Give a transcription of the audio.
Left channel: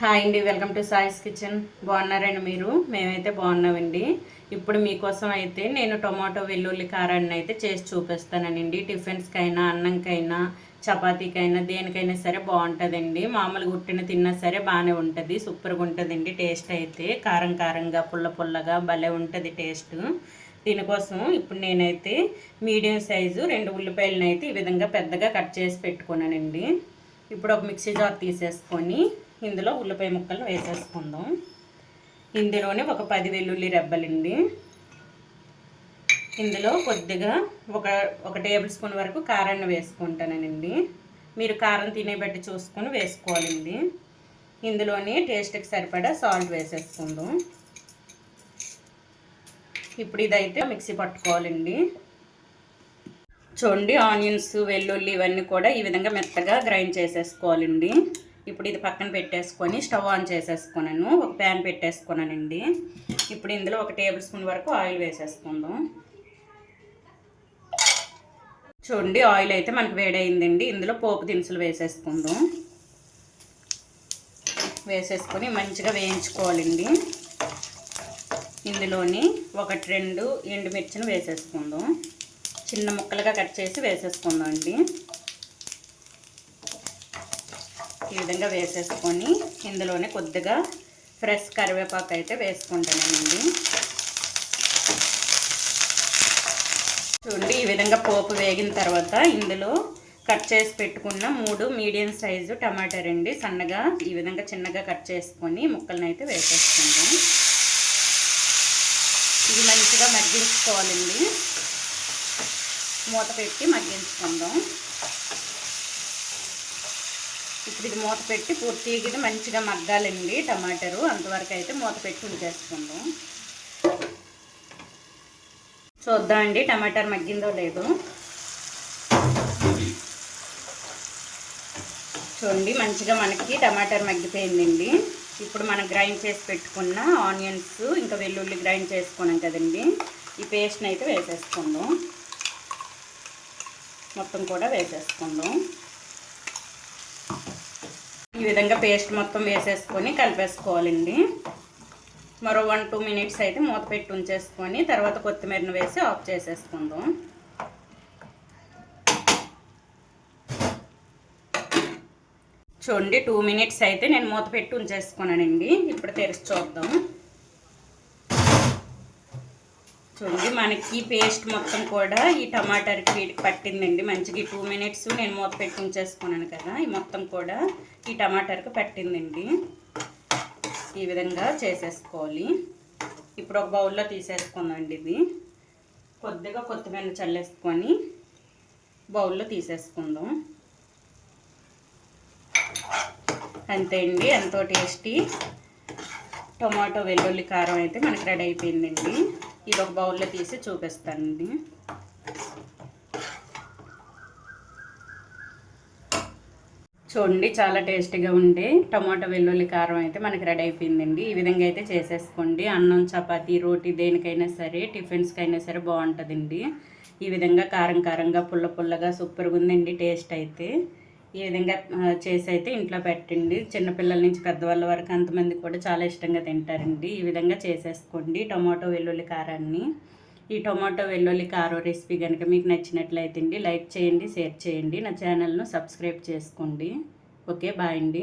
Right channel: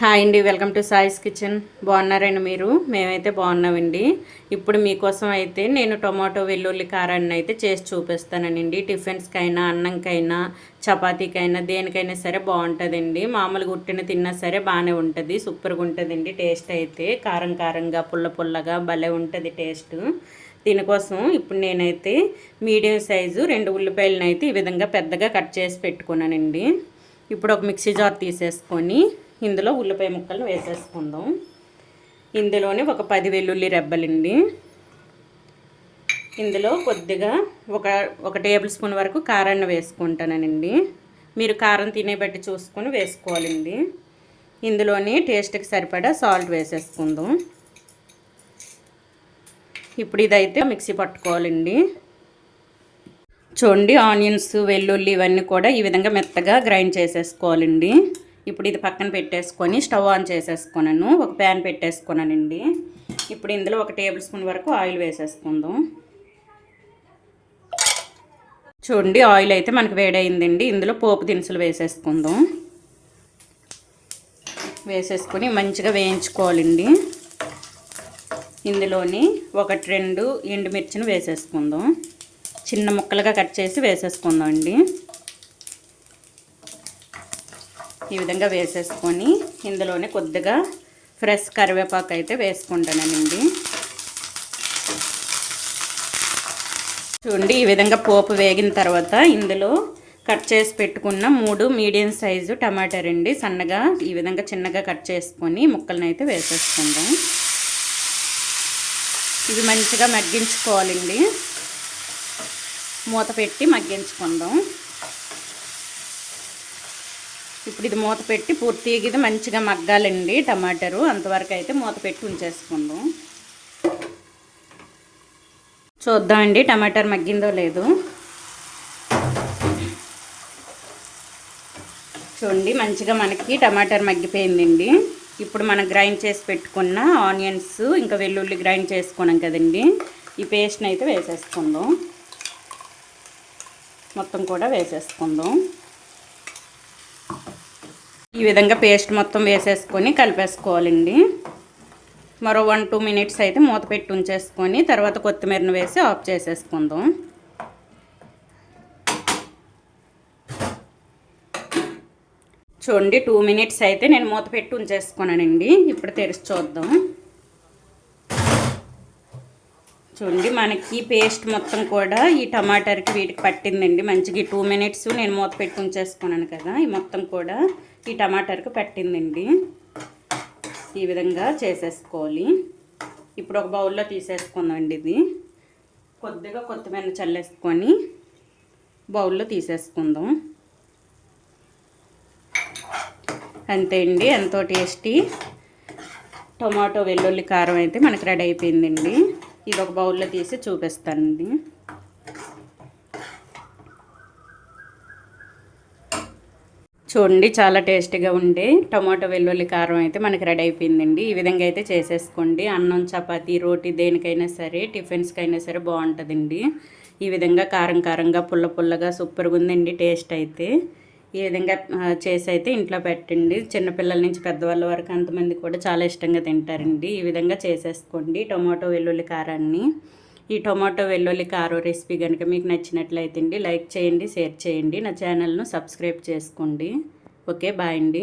Hi అండి, welcome to సాయిస్ kitchen. బాగున్నారండి మీరు? మేమైతే బాగున్నామండి. ఇప్పుడు మీకోసం అయితే నేను టొమాటో వెల్లుల్లి కారాన్ని అయితే చేసి చూపిస్తానండి. టిఫిన్స్కైనా, అన్నంకైనా, చపాతీకైనా, దేనికైనా సరే బాగుంటుందండి. మామూలుగా ఉట్టిన తిన్నా సరే బాగానే ఉంటుంది. సూపర్గా ఉంటుందండి. టేస్ట్ అయితే కారం కారంగా, పుల్ల పుల్లగా భలే ఉంటుంది టేస్ట్. దీనికోసం ఇప్పుడు నేనైతే మీడియం సైజు 2 ఉల్లిపాయలను అయితే ఈ విధంగా పెద్దగా కట్ చేసి పెట్టుకున్నానండి. ఇప్పుడు ఒక మిక్సీ జార్ తీసేసుకొని ఇందులో ఉల్లిపాయ ముక్కలు వేసేసుకుందాం. ఇందులోనే ఒక 10 వెల్లుల్లి రెబ్బలండి. ఇందులో కొద్దిగా ఒక టేబుల్ స్పూన్ వరకు కారాన్ని వేసుకుంటానండి. మీరు కారం తినే బట్టి చూసుకొని వేసుకోవాలండి. ఇందులోని టేస్ట్కి సరిపడా సాల్ట్ వేసేసుకుందాం. ఇప్పుడు ఇదైతే మిక్సీ పట్టుకోవాలండి. చూడండి, ఆనియన్స్, వెల్లుల్లి ఇవన్నీ కూడా ఈ విధంగా మెత్తగా గ్రైండ్ చేసేసుకోవాలండి. ఇప్పుడు ఇది పక్కన పెట్టేసుకొని స్టవ్ ఆన్ చేసేసుకున్నాను. ఒక ప్యాన్ పెట్టేసుకున్నానండి. ఇప్పుడు ఇందులో ఒక టేబుల్ స్పూన్ వరకు ఆయిల్ వేసేసుకుందాం. చూడండి, ఆయిల్ అయితే మనకు వేడైందండి. ఇందులో పోపు దినుసులు వేసేసుకుందాం. వేసేసుకొని మంచిగా వేయించుకోవాలండి. ఇందులోని 1-2 ఎండుమిర్చిని వేసేసుకుందాం. చిన్న ముక్కలుగా కట్ చేసి వేసేసుకుందాం అండి. ఈ విధంగా వేసేసుకొని ఇందులోనే కొద్దిగా ఫ్రెష్ కరివేపాకు అయితే వేసుకుంటానండి. చూడండి, ఈ విధంగా పోపు వేగిన తర్వాత ఇందులో కట్ చేసి పెట్టుకున్న 3 మీడియం సైజు టమాటాలు అండి. సన్నగా ఈ విధంగా చిన్నగా కట్ చేసుకొని ముక్కలను అయితే వేసేసుకుందాం. ఇది మంచిగా మగ్గించుకోవాలండి. మూత పెట్టి మగ్గించుకుందాం. ఇప్పుడు ఇది మూత పెట్టి పూర్తిగా ఇది మంచిగా మగ్గాలండి. టమాటాలు అంతవరకు అయితే మూత పెట్టి ఉంచేసుకుందాం. చూద్దామండి టమాటాలు మగ్గిందో లేదో. చూడండి, మంచిగా మనకి టమాటాలు మగ్గిపోయిందండి. ఇప్పుడు మనం గ్రైండ్ చేసి పెట్టుకున్న ఆనియన్స్ ఇంకా వెల్లుల్లి గ్రైండ్ చేసుకున్నాం కదండి, ఈ పేస్ట్ని అయితే వేసేసుకుందాం. మొత్తం కూడా వేసేసుకుందాం. ఈ విధంగా పేస్ట్ మొత్తం వేసేసుకొని కలిపేసుకోవాలండి. మరో 1-2 మినిట్స్ అయితే మూత పెట్టి ఉంచేసుకొని తర్వాత కొత్తిమీరను వేసి ఆఫ్ చేసేసుకుందాం. చూడండి, 2 మినిట్స్ అయితే నేను మూత పెట్టి ఉంచేసుకున్నానండి. ఇప్పుడు తెరిచి చూద్దాం. చూడండి, మనకి పేస్ట్ మొత్తం కూడా ఈ టమాటాకి వీటికి పట్టిందండి. మంచిగా 2 మినిట్స్ నేను మూత పెట్టి ఉంచేసుకున్నాను కదా, ఈ మొత్తం కూడా ఈ టమాటాకి పట్టిందండి. ఈ విధంగా చేసేసుకోవాలి. ఇప్పుడు ఒక బౌల్లో తీసేసుకుందామండి. ఇది కొద్దిగా కొత్తిమీర చల్లేసుకొని బౌల్లో తీసేసుకుందాం. అంతే అండి, ఎంతో టేస్టీ టొమాటో వెల్లుల్లి కారం అయితే మనకి రెడీ అయిపోయిందండి. ఇది ఒక బౌల్లో తీసి చూపిస్తానండి. చూడండి, చాలా టేస్టీగా ఉండే టమాటో వెల్లుల్లి కారం అయితే మనకి రెడీ అయిపోయిందండి. ఈ విధంగా అయితే చేసేసుకోండి. అన్నం, చపాతీ, రోటీ దేనికైనా సరే, టిఫిన్స్కైనా సరే బాగుంటుందండి. ఈ విధంగా కారం కారంగా, పుల్ల పుల్లగా సూపర్గా ఉందండి టేస్ట్ అయితే. ఈ విధంగా చేసి అయితే ఇంట్లో పెట్టండి. చిన్నపిల్లల నుంచి పెద్దవాళ్ళ వరకు అంతమంది కూడా చాలా ఇష్టంగా తింటారండి. ఈ విధంగా చేసేసుకోండి టొమాటో వెల్లుల్లి కారాన్ని. ఈ టొమాటో వెల్లుల్లి కారం రెసిపీ కనుక మీకు నచ్చినట్లయితే లైక్ చేయండి, షేర్ చేయండి. నా ఛానల్ను సబ్స్క్రైబ్ చేసుకోండి. ఓకే, బాయ్ అండి.